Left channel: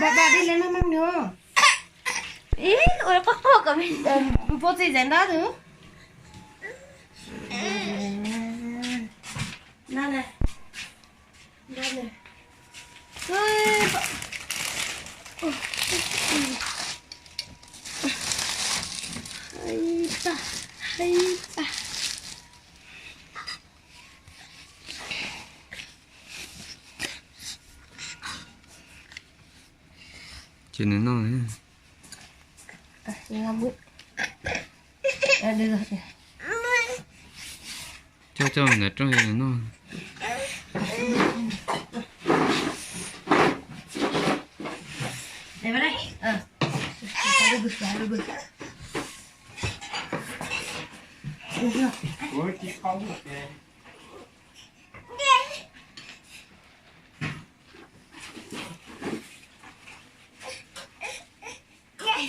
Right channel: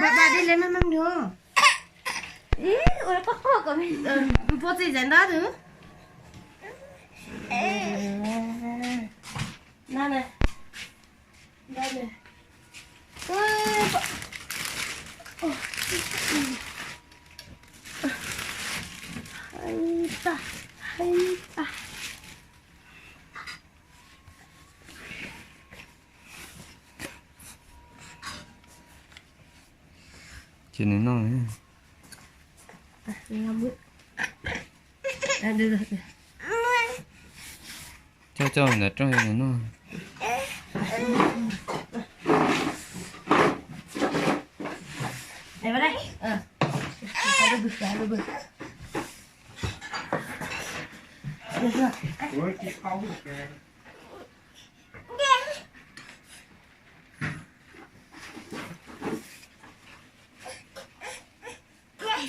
bà đi lên mắm nữa. Ý, ôi bắt phô của mình. Bố gì dán đó thứ. Nào này. Đây này. Hay ta. Chuyện này non đấy. Làm bụi. Được rồi. Cho là trong này non. Đây vào đây. Được rồi. Được rồi. Ủa chị không được kìa.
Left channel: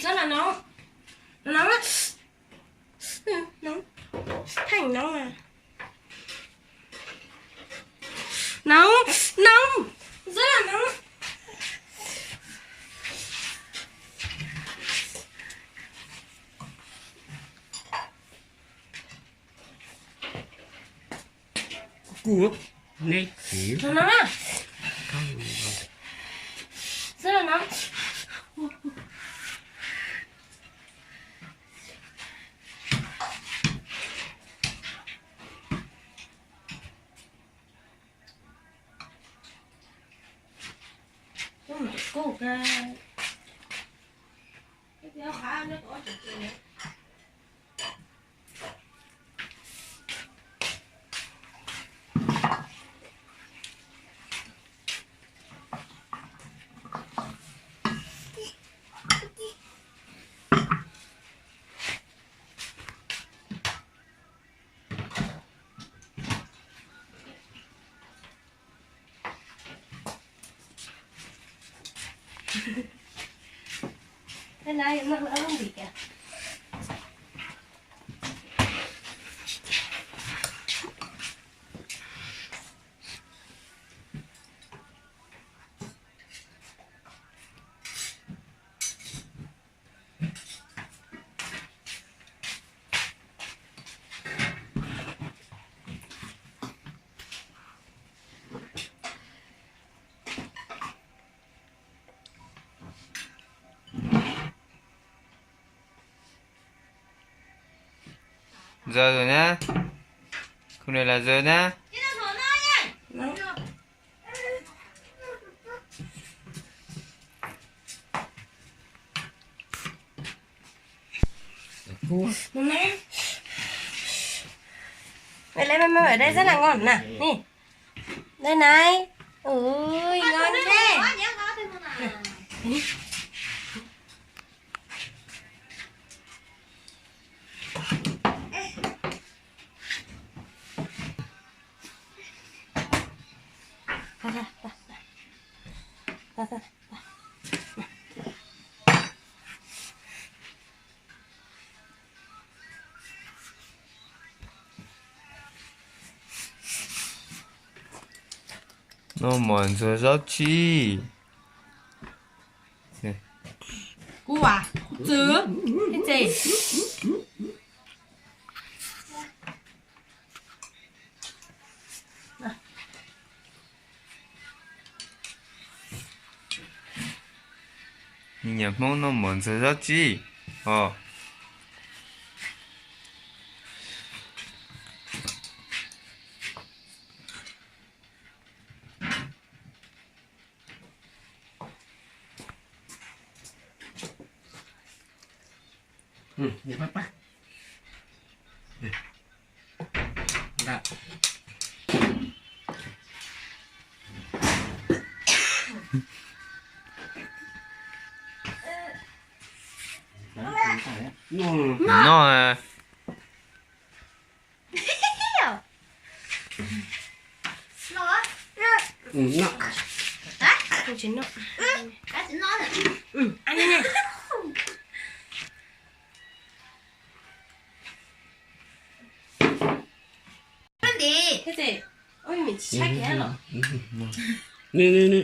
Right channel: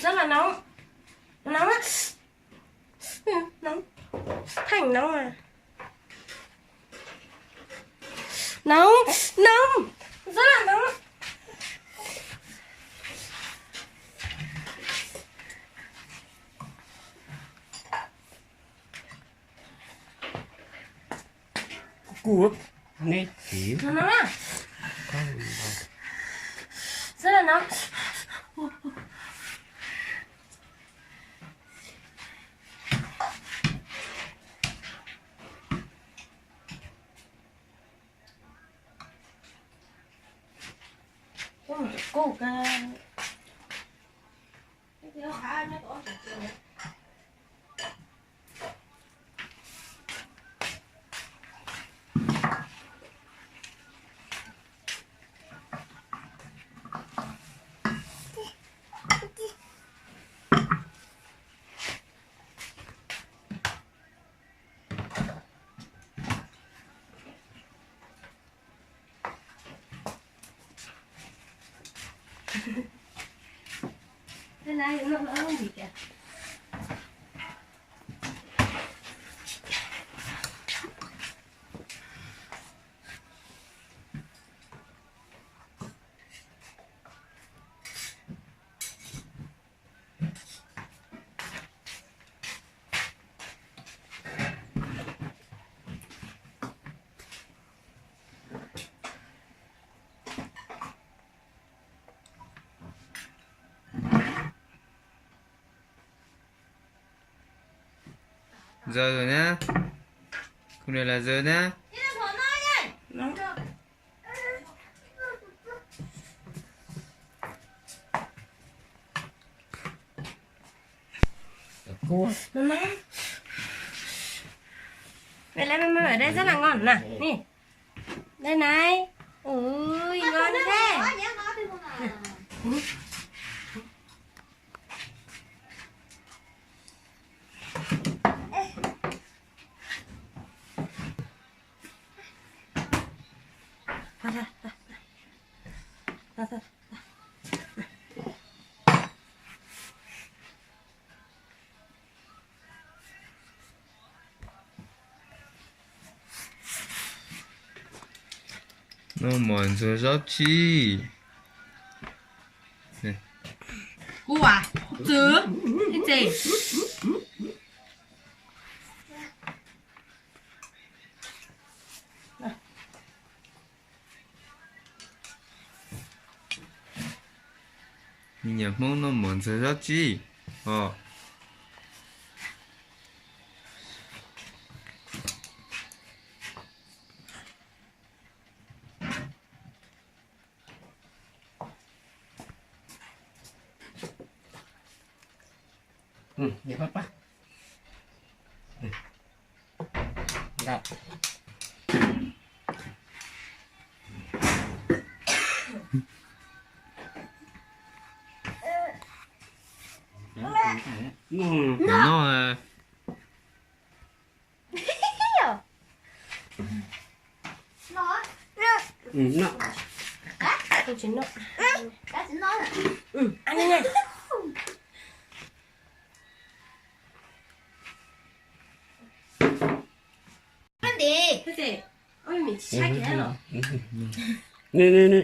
Rất là nóng. Nóng á. Nóng. Thành nóng à. Nóng. Rất là nóng. Cuộc này xỉu. Nó nóng à. Rất là nóng. Có một cái cục thế này nó đỡ không bị kìa. Giờ rồi nhá. Không này là giờ nhá. Nó nóng. Mẹ lấy mắm ở đây rất là ngon nè. Nè. Đây này. Ui ngon thế. Ta. Nó mòn rồi rót chi. Này. Cú à? Chứ. Cái gì? Nhập mong nó mòn rồi rót chi. Dạ bác bác. Dạ. Nó à. Nó. Không chín đâu. Cá xin nói Ăn đi này. làm gì? Cái gì? Ôi mình sách thế rồi. Nè.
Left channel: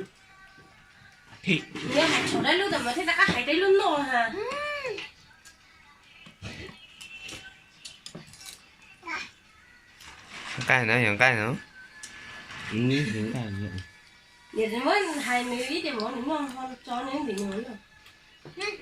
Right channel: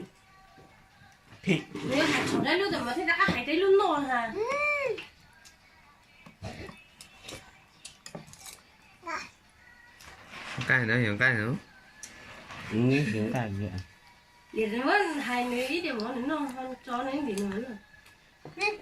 thịt nếu hạt chỗ đây luôn rồi mà thế ta hãy đây luôn rồi hả cái nữa, cái nữa. như thế là vậy để mới hai mươi ít để món nữa nó cho nó bị nữa rồi